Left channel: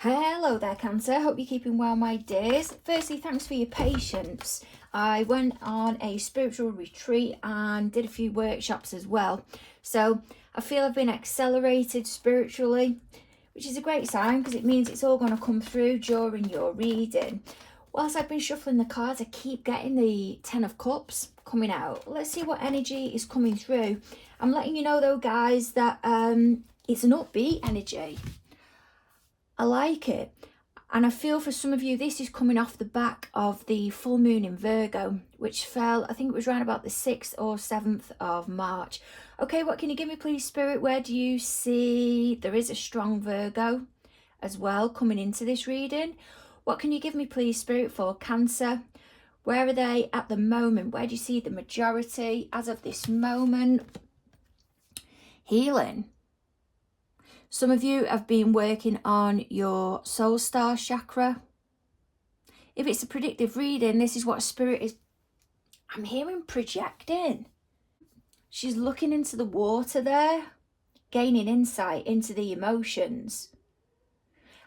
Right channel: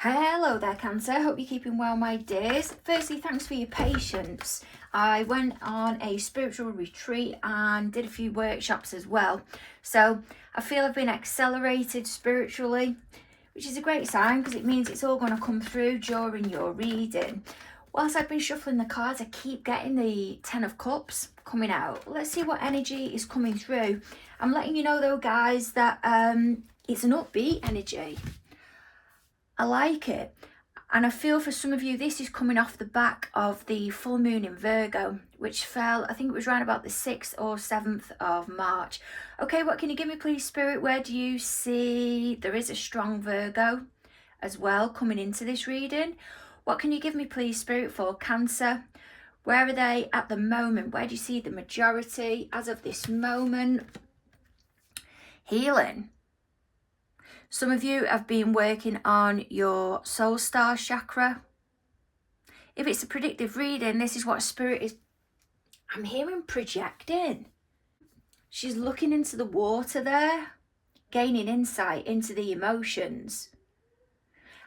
Hello there, Cancer. Hope you're keeping well, my dears. Firstly, thanks for your patience. I went on a spiritual retreat and did a few workshops as well. So I feel I've been accelerated spiritually, which is a great sign because it means it's all going to come through during your reading. Whilst I've been shuffling the cards, I keep getting the Ten of Cups coming out. Let's see what energy is coming through. I'm letting you know, though, guys, that it's an upbeat energy. I like it. And I feel for some of you, this is coming off the back of the full moon in Virgo, which fell, I think it was around about the 6th or 7th of March. Okay, what can you give me, please, Spirit? Where do you see there is a strong Virgo as well coming into this reading? What can you give me, please, Spirit, for Cancer? Where are they at the moment? Where do you see the majority as of this moment? Healing. Some of you have been working on your soul star chakra. If it's a predictive reading, this is what Spirit is. I'm hearing projecting. She's looking into the water there, gaining insight into the emotions.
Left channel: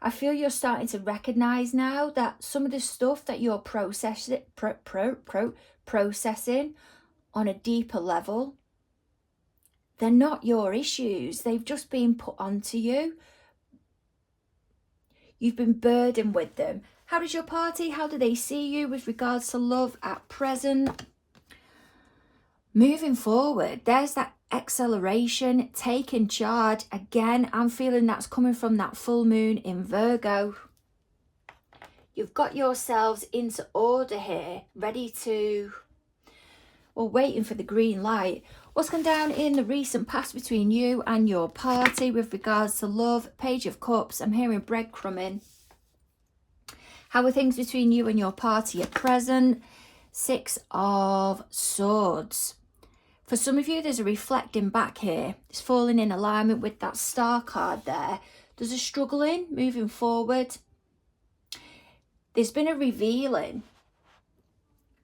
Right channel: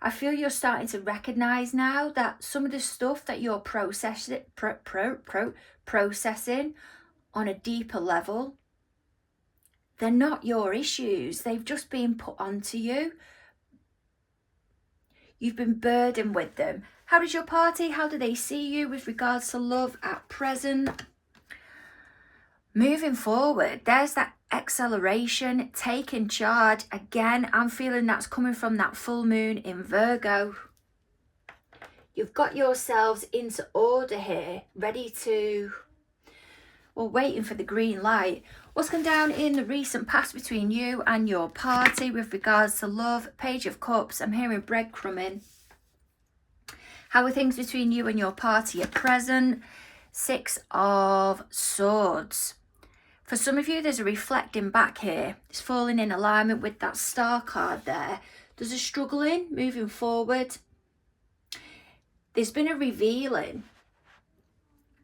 I feel you're starting to recognize now that some of the stuff that you're processing on a deeper level, they're not your issues. They've just been put onto you. You've been burdened with them. How does your party, how do they see you with regards to love at present? Moving forward, there's that acceleration, taking charge. Again, I'm feeling that's coming from that full moon in Virgo. You've got yourselves into order here, ready to, well, waiting for the green light. What's gone down in the recent past between you and your party with regards to love? Page of Cups. I'm hearing breadcrumbing. How are things between you and your party at present? Six of Swords. For some of you, there's a reflecting back here. It's falling in alignment with that star card there. There's a struggling moving forward. There's been a revealing.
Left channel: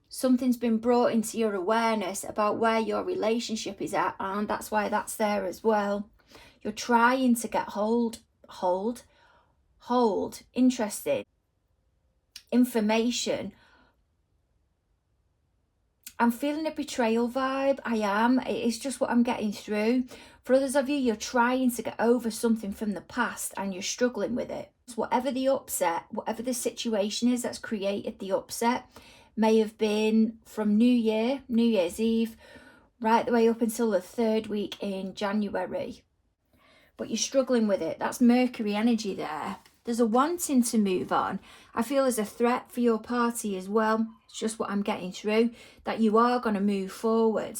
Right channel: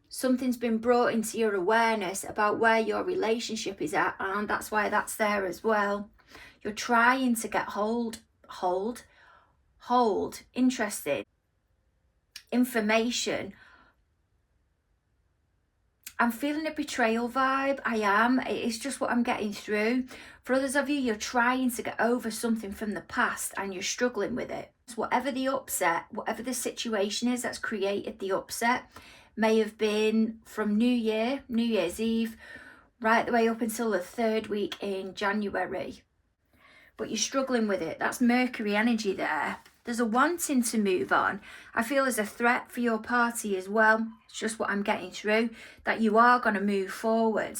Something's been brought into your awareness about where your relationship is at, and that's why that's there as well. You're trying to get hold, interested, information. I'm feeling a betrayal vibe. I am. It's just what I'm getting through. For others of you, you're trying to get over something from the past and you're struggling with it. So whatever the upset, whatever the situation is that's created the upset, may have been from New Year's Eve, right the way up until the 3rd week in January. But you're struggling with it. That's Mercury energy there. There's a wanting to move on. I feel there's a threat for your party as well. It's just what I'm getting through, that you are going to move forward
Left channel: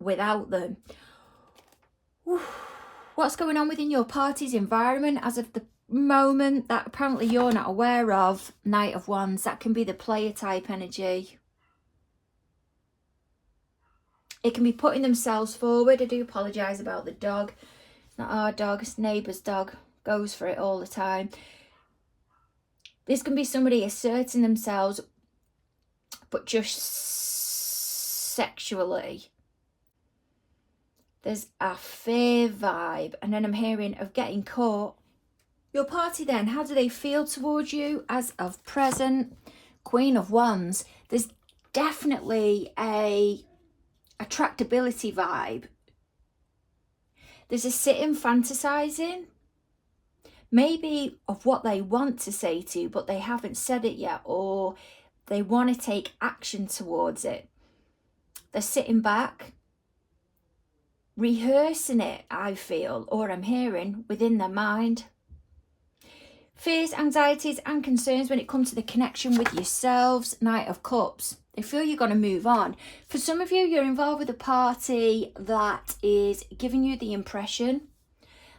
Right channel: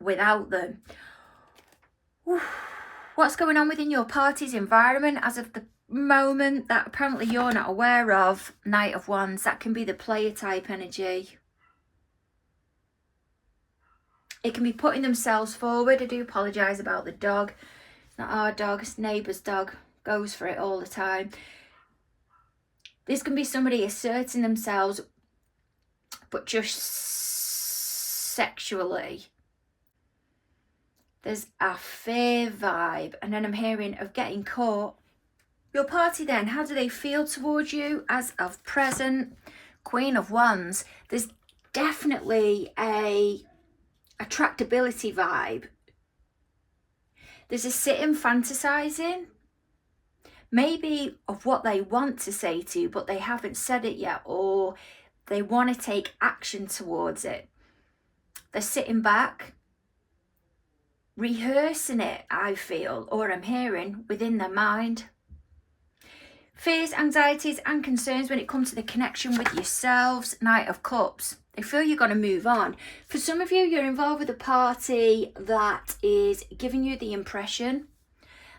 without them. What's going on within your party's environment as of the moment that apparently you're not aware of? Knight of Wands. That can be the player type energy. It can be putting themselves forward. I do apologise about the dog. It's not our dog, it's neighbour's dog. Goes for it all the time. This can be somebody asserting themselves, but just sexually. There's a fear vibe, and then I'm hearing of getting caught. Your party then, how do they feel towards you as of present? Queen of Wands. There's definitely a attractability vibe. There's a sitting fantasizing, maybe of what they want to say to you, but they haven't said it yet, or they want to take action towards it. They're sitting back, rehearsing it, I feel, or I'm hearing within their mind. Fears, anxieties and concerns when it comes to the connection with yourselves. Knight of Cups. They feel you're going to move on. For some of you, you're involved with a party that is giving you the impression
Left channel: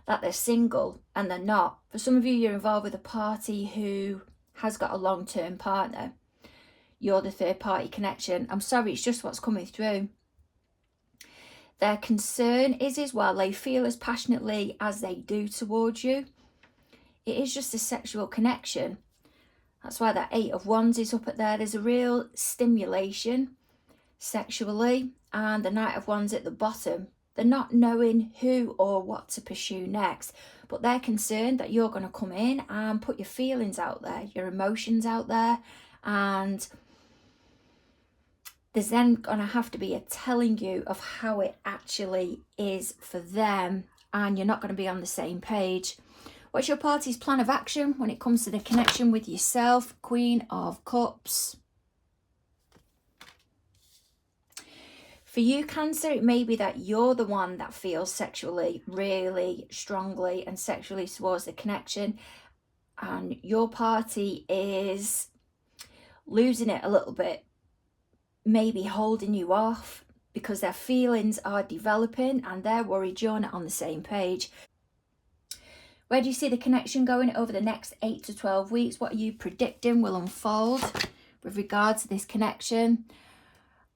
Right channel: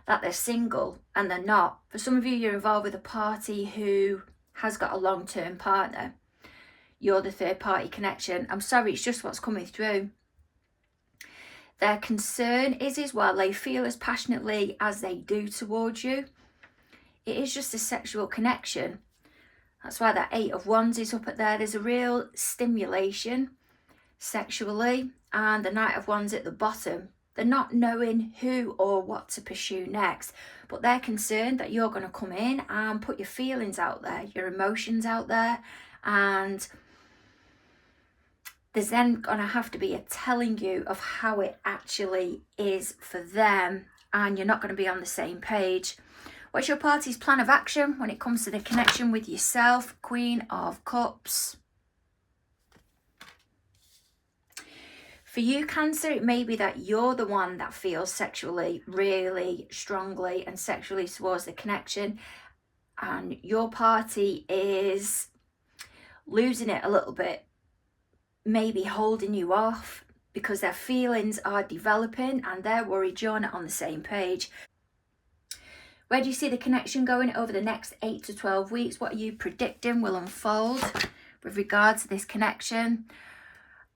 that they're single and they're not. For some of you, you're involved with a party who has got a long-term partner. You're the third party connection. I'm sorry, it's just what's coming through. Their concern is as well, they feel as passionately as they do towards you. It is just a sexual connection. That's why that 8 of Wands is up at there. There's a real stimulation sexually, and the Knight of Wands at the bottom. They're not knowing who or what to pursue next, but they're concerned that you're going to come in and put your feelings out there, your emotions out there, and there's then going to have to be a telling you of how it actually is for them, and you're not going to be on the same page. What's your party's plan of action when it comes to the connection with yourself? Queen of Cups. For you, Cancer, it may be that you're the one that feels sexually really strongly and sexually towards the connection, and your party is losing it a little bit, maybe holding you off because their feelings are developing and they're worried you're not on the same page. Where do you see the connection going over the next 8 to 12 weeks? What are you predicting will unfold with regard to this connection?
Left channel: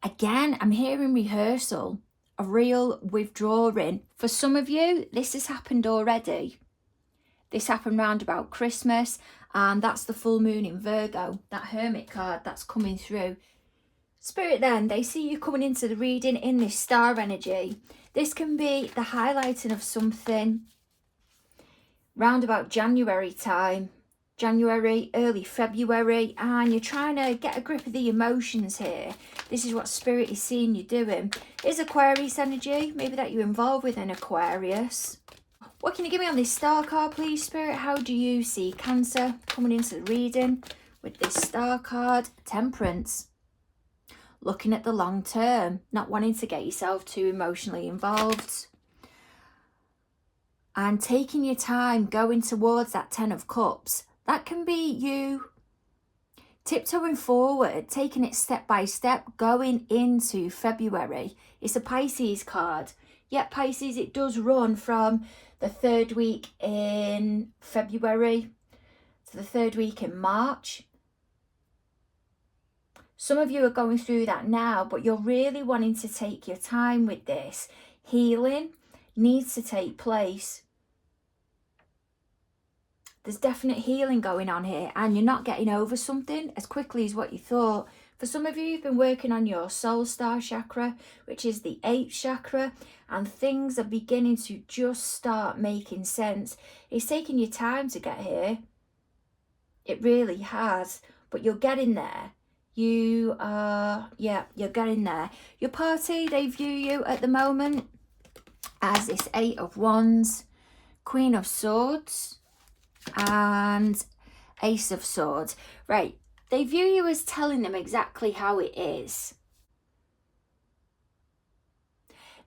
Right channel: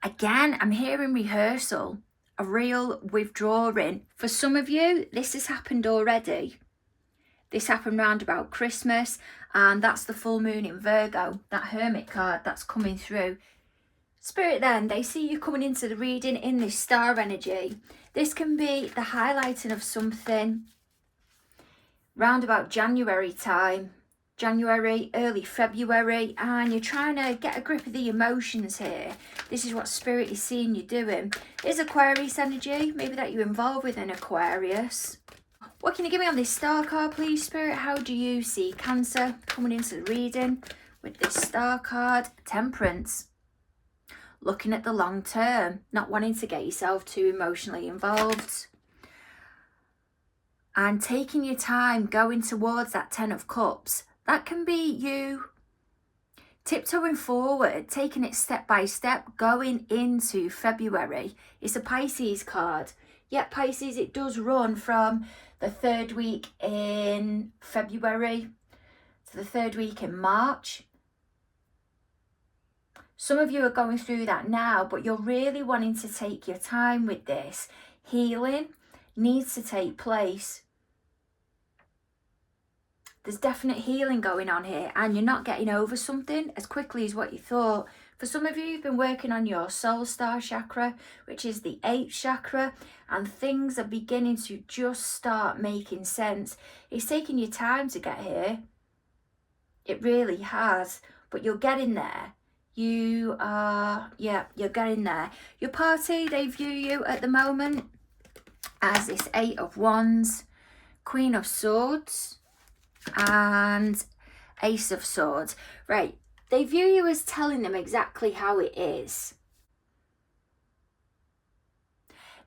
Again, I'm hearing rehearsal, a real withdrawing. For some of you, this has happened already. This happened round about Christmas, and that's the full moon in Virgo, that Hermit card that's coming through. Spirit then, they see you coming into the reading in this star energy. This can be the highlighting of something round about January time, January, early February, and you're trying to get a grip of the emotions here. This is what Spirit is seeing you doing. Is Aquarius energy, maybe that you're involved with an Aquarius. What can you give me on this star card, please, Spirit? How do you see Cancer coming into the reading with this star card? Temperance. Looking at the long term, not wanting to get yourself too emotionally involved. And taking your time going towards that 10 of Cups. That can be you tiptoeing forward, taking it step by step, going into February. It's a Pisces card. Yet Pisces, it does run from the 3rd week in February to the 3rd week in March. Some of you are going through that now, but you're really wanting to take your time with this. Healing needs to take place. There's definite healing going on here, and you're not getting over something as quickly as what you thought. For some of you, you've been working on your soul star chakra, which is the 8th chakra, and things are beginning to just start making sense. It's taken you time to get here. It really has, but you're getting there. You're getting there. Your party, they view you at the moment as this 8 of Wands, Queen of Swords, and Ace of Swords. Right, they view you as telling them exactly how it is.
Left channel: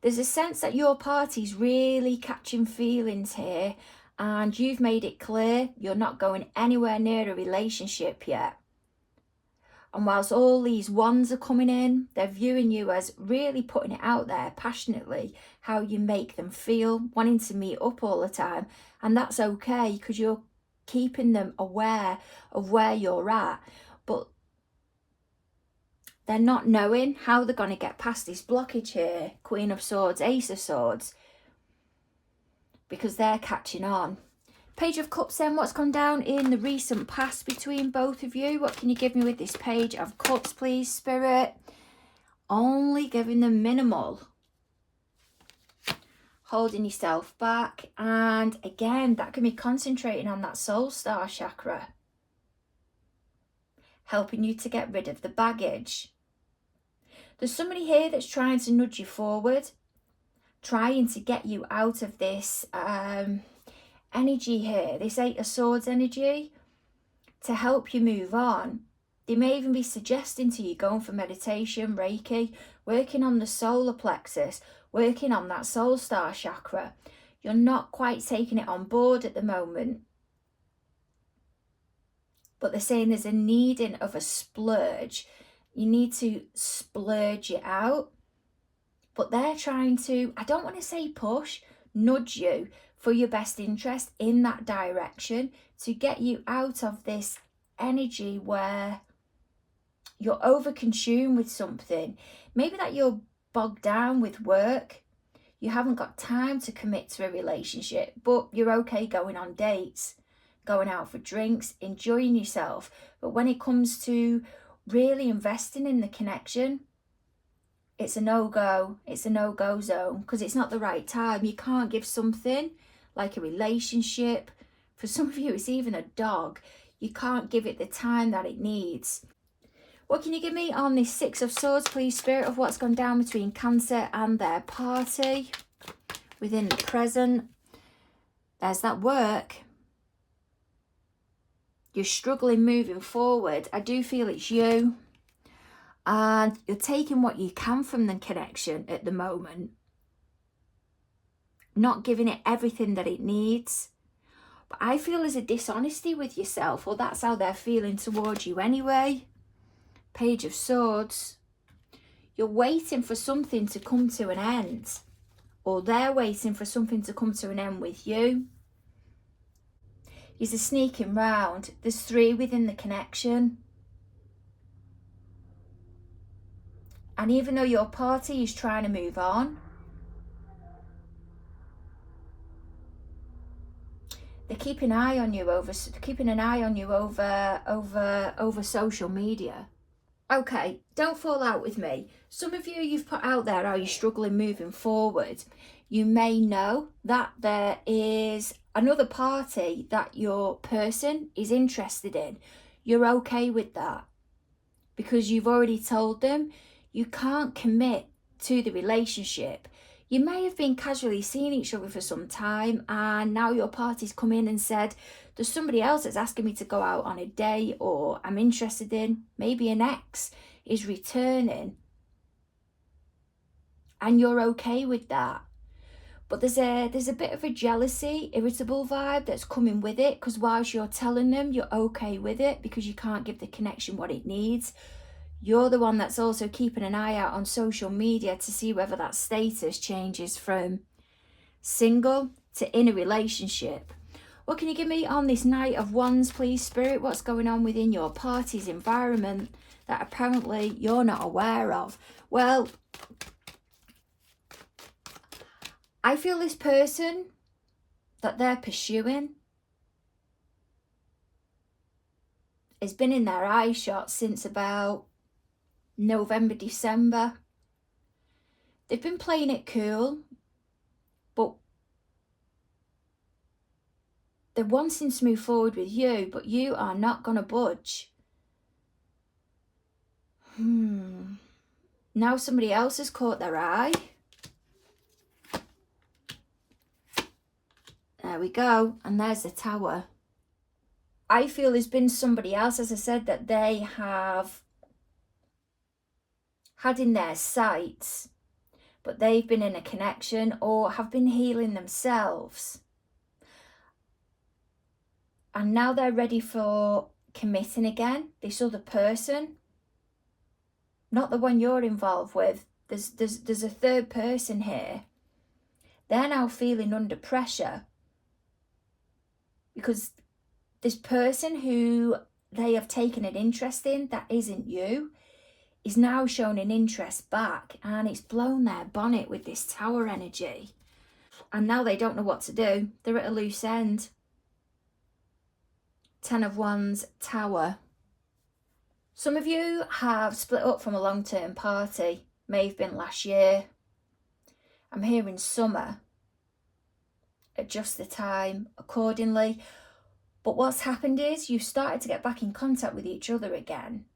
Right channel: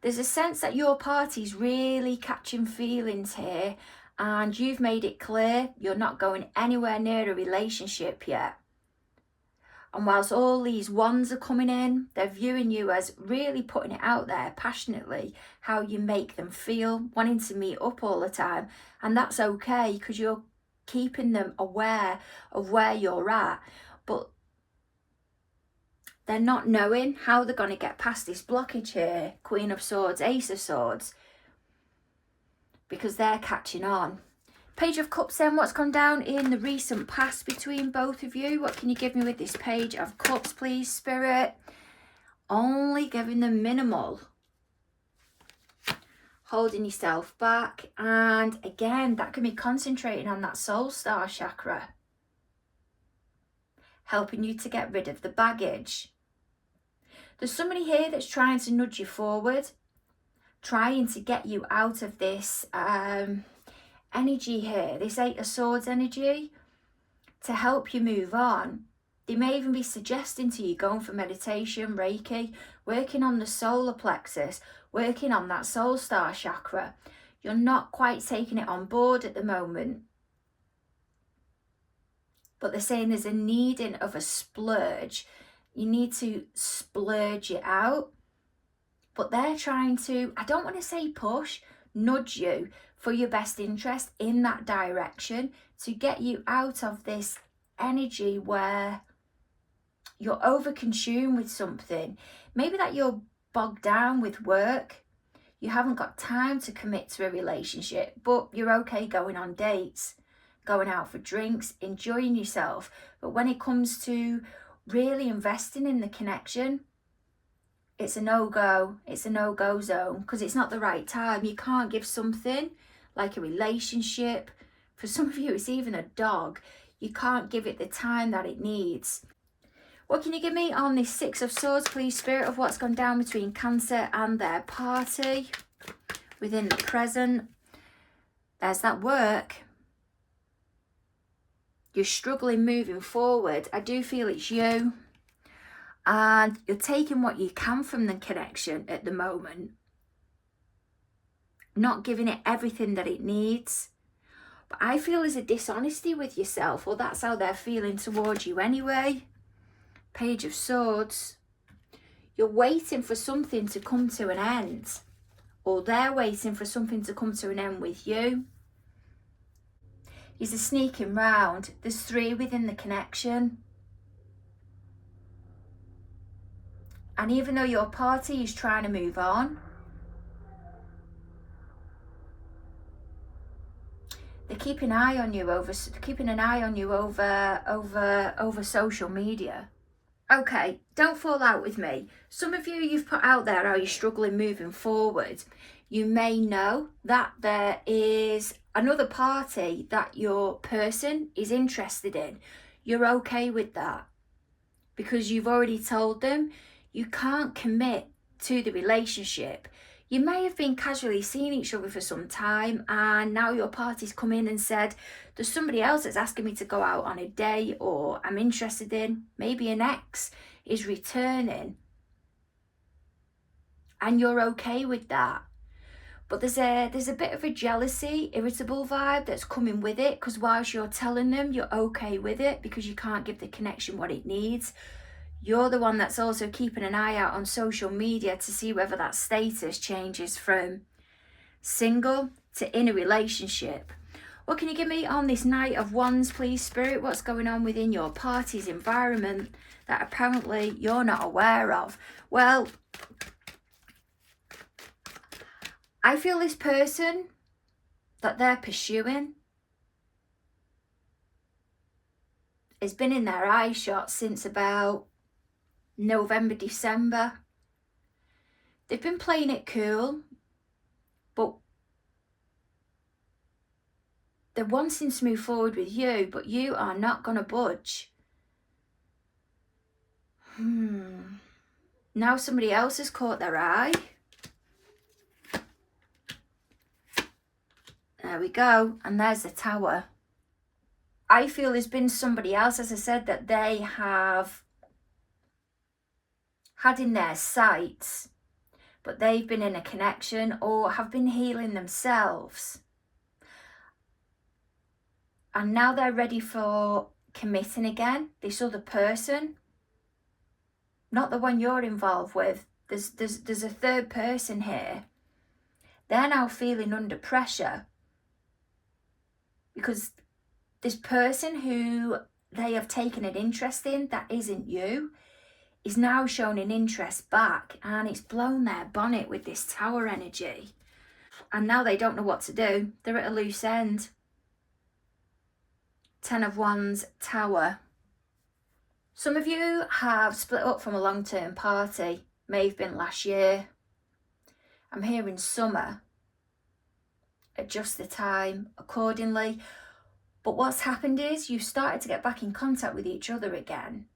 There's a sense that your party's really catching feelings here, and you've made it clear you're not going anywhere near a relationship yet. And whilst all these wands are coming in, they're viewing you as really putting it out there passionately, how you make them feel, wanting to meet up all the time. And that's okay, because you're keeping them aware of where you're at. But they're not knowing how they're going to get past this blockage here, Queen of Swords, Ace of Swords, because they're catching on. Page of Cups then, what's gone down in the recent past between both of you? What can you give me with this Page of Cups, please, Spirit? Only giving them minimal. Holding yourself back. And again, that can be concentrating on that soul star chakra. Helping you to get rid of the baggage. There's somebody here that's trying to nudge you forward. Trying to get you out of this energy here, this 8 of Swords energy, to help you move on. They may even be suggesting to you going for meditation, Reiki, working on the solar plexus, working on that soul star chakra. You're not quite taking it on board at the moment. But they're saying there's a needing of a splurge. You need to splurge it out. But they're trying to, I don't want to say push, nudge you for your best interest in that direction to get you out of this energy where you're overconsumed with something. Maybe that you're bogged down with work. You haven't got time to commit to a relationship, but you're okay going on dates, going out for drinks, enjoying yourself. But when it comes to really investing in the connection, it's a no-go. It's a no-go zone because it's not the right time. You can't give something like a relationship. For some of you, it's even a dog. You can't give it the time that it needs. What can you give me on this Six of Swords, please, Spirit, of what's gone down between Cancer and their party within the present? There's that work. You're struggling moving forward. I do feel it's you. And you're taking what you can from the connection at the moment. Not giving it everything that it needs. But I feel there's a dishonesty with yourself, or that's how they're feeling towards you anyway. Page of Swords. You're waiting for something to come to an end. Or they're waiting for something to come to an end with you. He's a sneaking round. There's 3 within the connection. And even though your party is trying to move on, they're keeping an eye on you over social media. Okay, don't fall out with me. Some of you've put out there how you're struggling moving forward. You may know that there is another party that your person is interested in. You're okay with that because you've already told them you can't commit to the relationship. You may have been casually seeing each other for some time, and now your party's come in and said, there's somebody else that's asking me to go out on a date, or I'm interested in, maybe an ex is returning. And you're okay with that. But there's a bit of a jealousy, irritable vibe that's coming with it, because whilst you're telling them you're okay with it because you can't give the connection what it needs, you're the one that's also keeping an eye out on social media to see whether that status changes from single to in a relationship. What can you give me on this Knight of Wands, please, Spirit? What's going on within your party's environment that apparently you're not aware of? Well, I feel this person that they're pursuing has been in their eye shot since about November, December. They've been playing it cool, but they're wanting to move forward with you, but you are not going to budge. Now somebody else has caught their eye. There we go, and there's the Tower. I feel there's been somebody else, as I said, that they have had in their sights, but they've been in a connection or have been healing themselves. And now they're ready for committing again. This other person, not the one you're involved with. There's a third person here. They're now feeling under pressure because this person who they have taken an interest in that isn't you is now showing an interest back, and it's blown their bonnet with this Tower energy. And now they don't know what to do. They're at a loose end. 10 of Wands, Tower. Some of you have split up from a long-term party. May have been last year. I'm hearing summer. Adjust the time accordingly. But what's happened is you've started to get back in contact with each other again.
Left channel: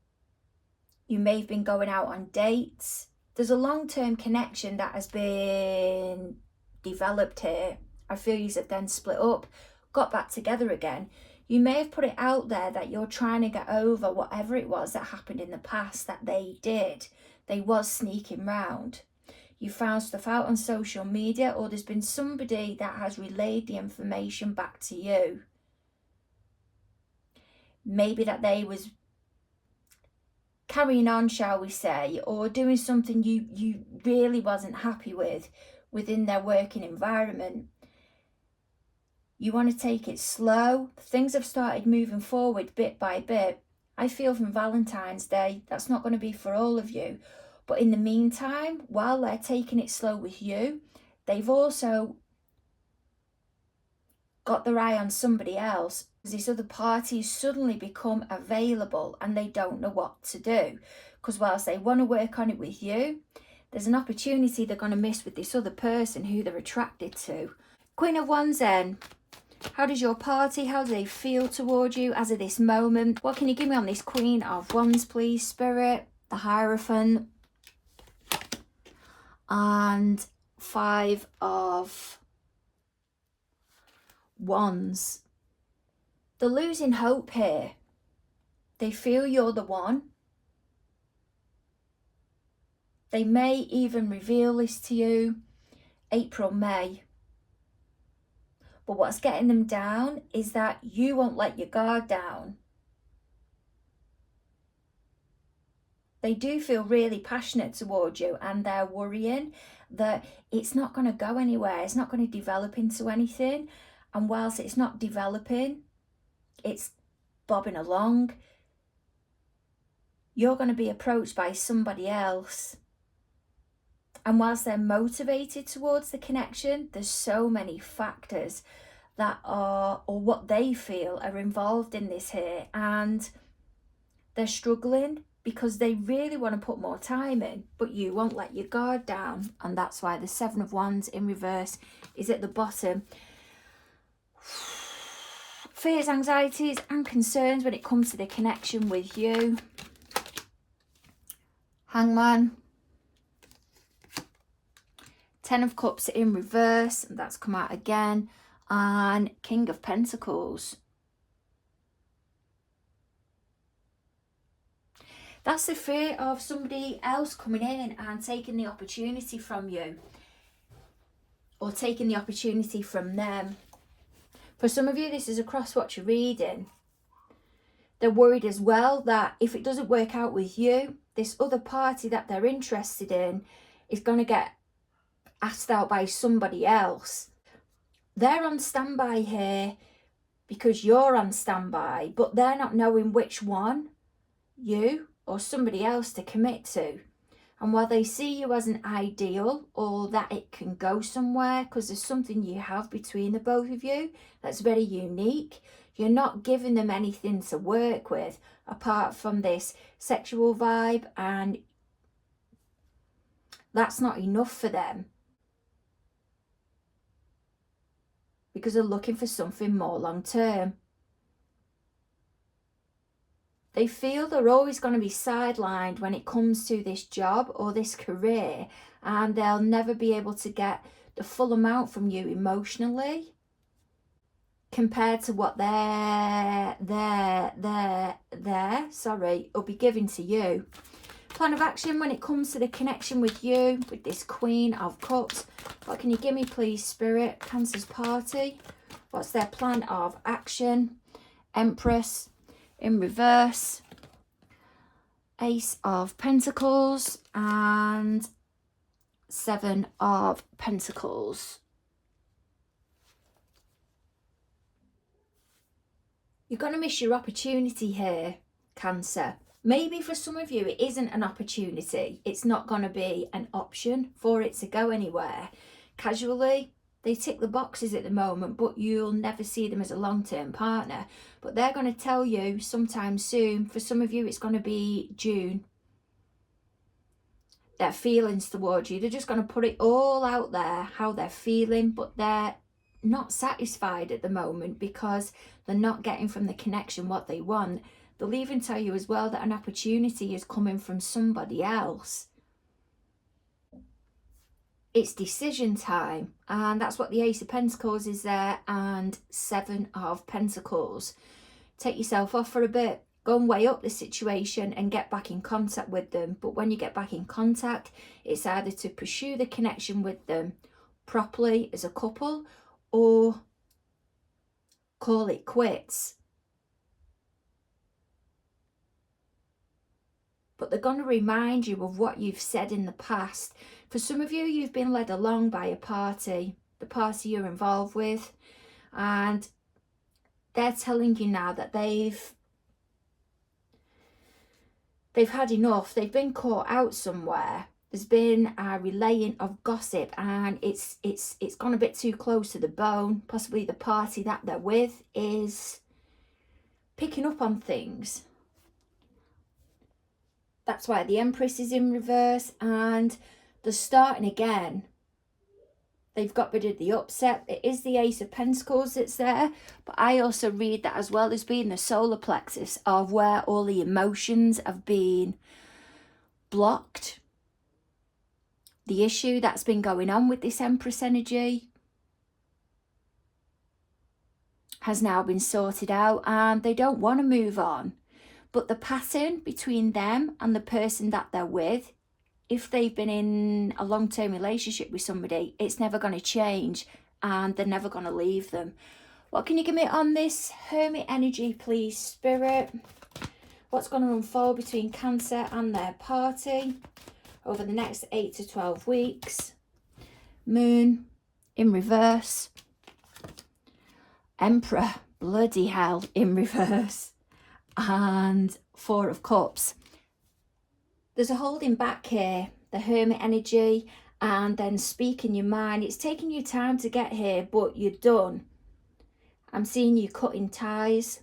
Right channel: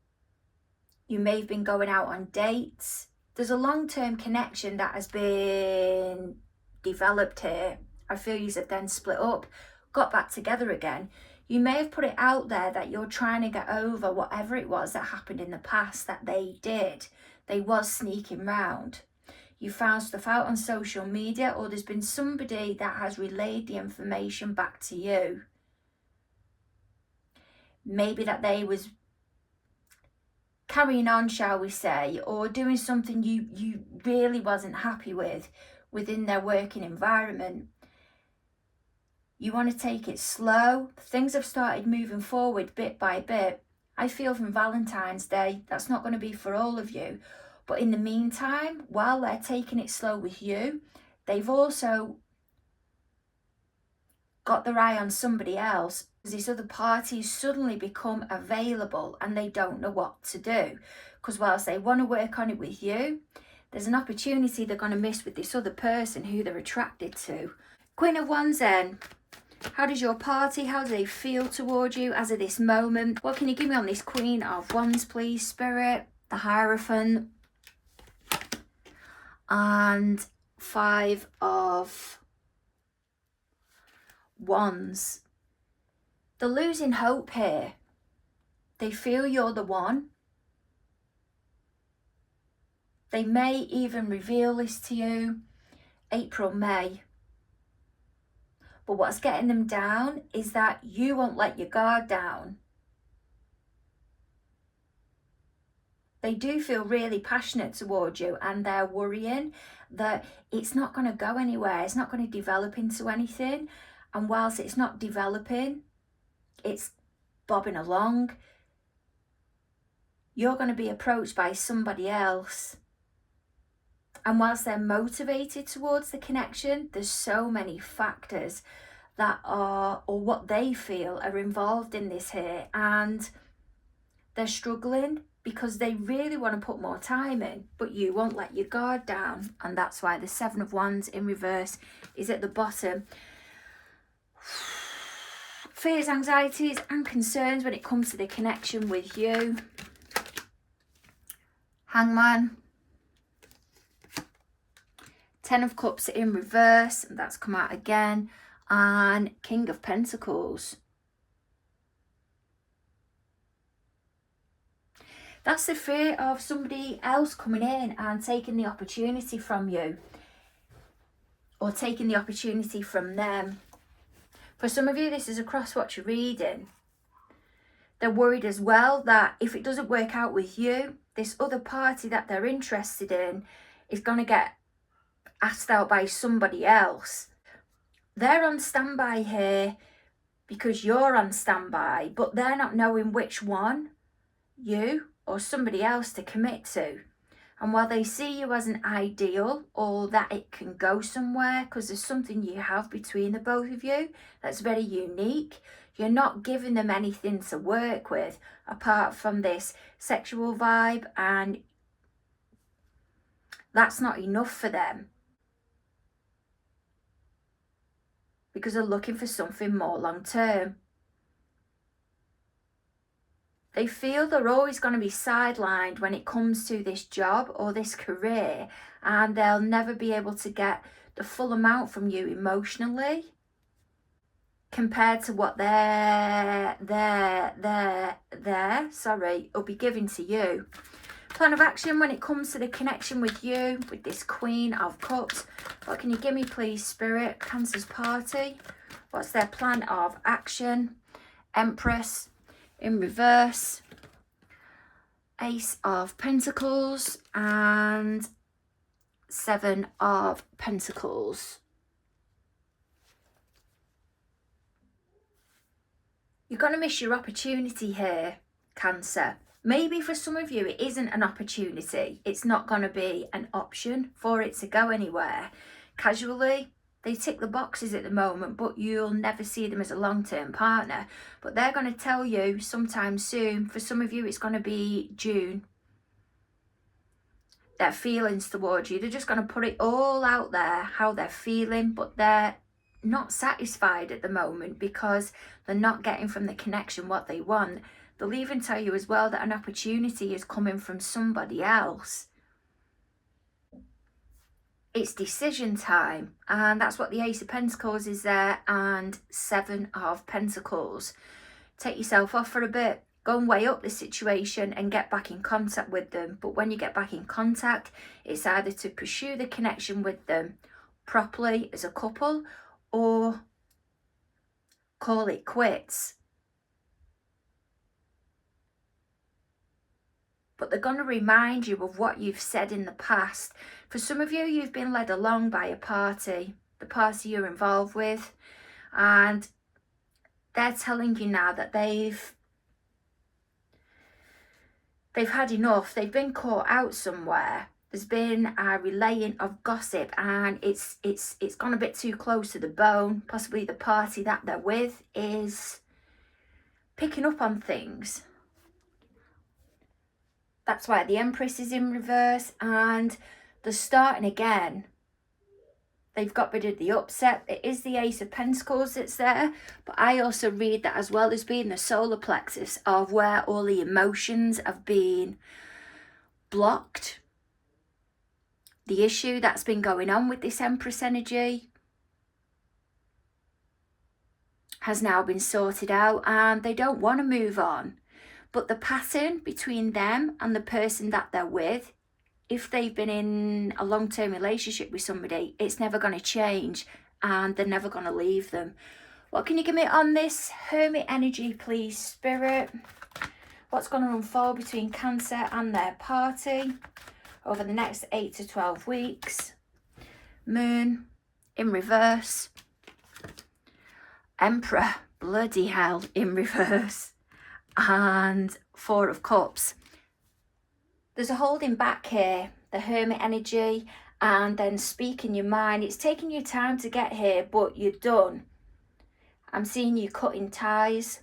You may have been going out on dates. There's a long-term connection that has been developed here. I feel you have then split up, got back together again. You may have put it out there that you're trying to get over whatever it was that happened in the past that they did. They was sneaking round. You found stuff out on social media, or there's been somebody that has relayed the information back to you. Maybe that they was carrying on, shall we say, or doing something you really wasn't happy with within their working environment. You want to take it slow. Things have started moving forward bit by bit. I feel from Valentine's Day, that's not going to be for all of you. But in the meantime, while they're taking it slow with you, they've also got their eye on somebody else. This other party suddenly become available and they don't know what to do. Because whilst they want to work on it with you, There's an opportunity they're going to miss with this other person who they're attracted to. Queen of Wands then. How does your party, how do they feel toward you as of this moment? What can you give me on this Queen of Wands, please, Spirit? The Hierophant. And Five of Wands. They're losing hope here. They feel you're the one. They may even reveal this to you April, May. But what's getting them down is that you won't let your guard down. They do feel really passionate towards you, and they're worrying that it's not going to go anywhere. It's not going to develop into anything. And whilst it's not developing, it's bobbing along. You're going to be approached by somebody else. And whilst they're motivated towards the connection, there's so many factors that are, or what they feel are involved in this here. And they're struggling because they really want to put more time in, but you won't let your guard down. And that's why the Seven of Wands in reverse is at the bottom. Fears, anxieties and concerns when it comes to the connection with you. Hangman. Ten of Cups in reverse, and that's come out again. And King of Pentacles. That's the fear of somebody else coming in and taking the opportunity from you, or taking the opportunity from them. For some of you, this is across what you're reading. They're worried as well that if it doesn't work out with you, this other party that they're interested in is going to get asked out by somebody else. They're on standby here because you're on standby, but they're not knowing which one, you or somebody else, to commit to. And while they see you as an ideal, or that it can go somewhere because there's something you have between the both of you that's very unique, you're not giving them anything to work with apart from this sexual vibe, and that's not enough for them because they're looking for something more long term. They feel they're always going to be sidelined when it comes to this job or this career, and they'll never be able to get the full amount from you emotionally compared to what will be giving to you. Plan of action when it comes to the connection with you, with this Queen of Cups. What can you give me, please, Spirit? Cancer's party. What's their plan of action? Empress in reverse. Ace of Pentacles and Seven of Pentacles. You're going to miss your opportunity here, Cancer. Maybe for some of you it isn't an opportunity. It's not going to be an option for it to go anywhere. Casually, they tick the boxes at the moment, but you'll never see them as a long-term partner. But they're going to tell you sometime soon. For some of you, it's going to be June. Their feelings towards you. They're just going to put it all out there, how they're feeling, but they're not satisfied at the moment because they're not getting from the connection what they want. They'll even tell you as well that an opportunity is coming from somebody else. It's decision time, and that's what the Ace of Pentacles is there, and Seven of Pentacles. Take yourself off for a bit, go and weigh up the situation and get back in contact with them. But when you get back in contact, it's either to pursue the connection with them properly as a couple or call it quits. But they're going to remind you of what you've said in the past. For some of you, you've been led along by a party, the party you're involved with, and they're telling you now that they've had enough. They've been caught out somewhere. There's been a relaying of gossip, and it's gone a bit too close to the bone. Possibly the party that they're with is picking up on things. That's why the Empress is in reverse, and They're starting again. They've got rid of the upset. It is the Ace of Pentacles that's there, but I also read that as well as being the solar plexus of where all the emotions have been blocked. The issue that's been going on with this Empress energy has now been sorted out, and they don't want to move on. But the pattern between them and the person that they're with, if they've been in a long-term relationship with somebody, it's never going to change, and they're never going to leave them. What can you give me on this Hermit energy, please, Spirit? What's going to unfold between Cancer and their party over the next 8 to 12 weeks? Moon in reverse. Emperor, bloody hell, in reverse. And Four of Cups. There's a holding back here, the Hermit energy, and then speaking your mind. It's taking you time to get here, but you're done. I'm seeing you cutting ties.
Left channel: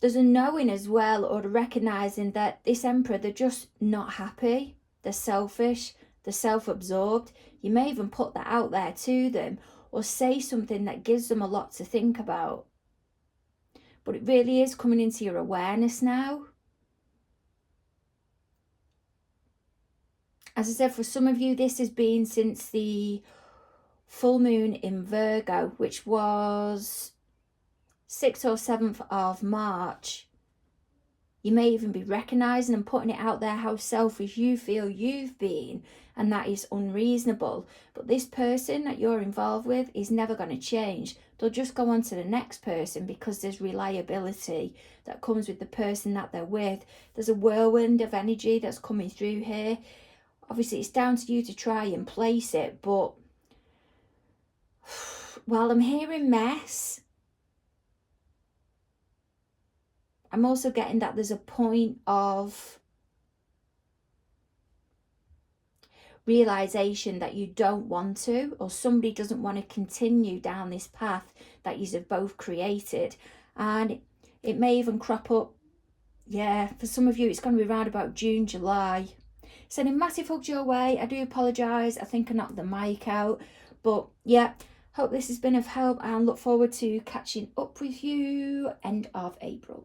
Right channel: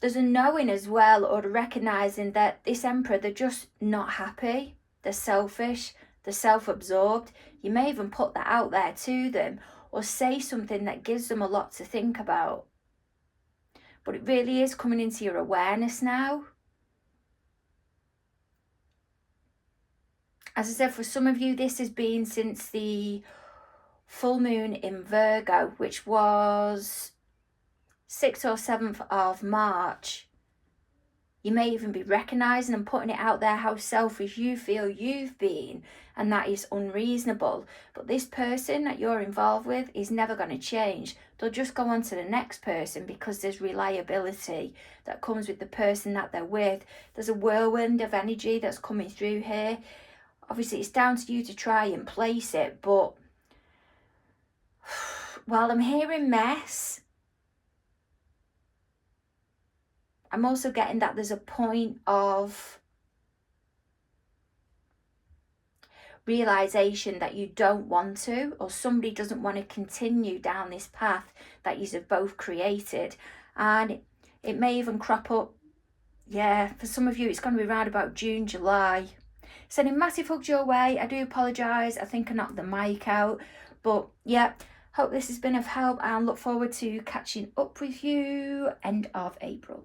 There's a knowing as well, or a recognising that this Emperor, they're just not happy. They're selfish, they're self-absorbed. You may even put that out there to them, or say something that gives them a lot to think about. But it really is coming into your awareness now. As I said, for some of you, this has been since the full moon in Virgo, which was 6th or 7th of March. You may even be recognising and putting it out there how selfish you feel you've been, and that is unreasonable. But this person that you're involved with is never going to change. They'll just go on to the next person because there's reliability that comes with the person that they're with. There's a whirlwind of energy that's coming through here. Obviously, it's down to you to try and place it, but while I'm hearing mess, I'm also getting that there's a point of realization that you don't want to, or somebody doesn't want to continue down this path that you have both created. And it may even crop up, yeah, for some of you, it's going to be around about June, July. Sending massive hugs your way. I do apologise. I think I knocked the mic out. But yeah, hope this has been of help, and look forward to catching up with you end of April.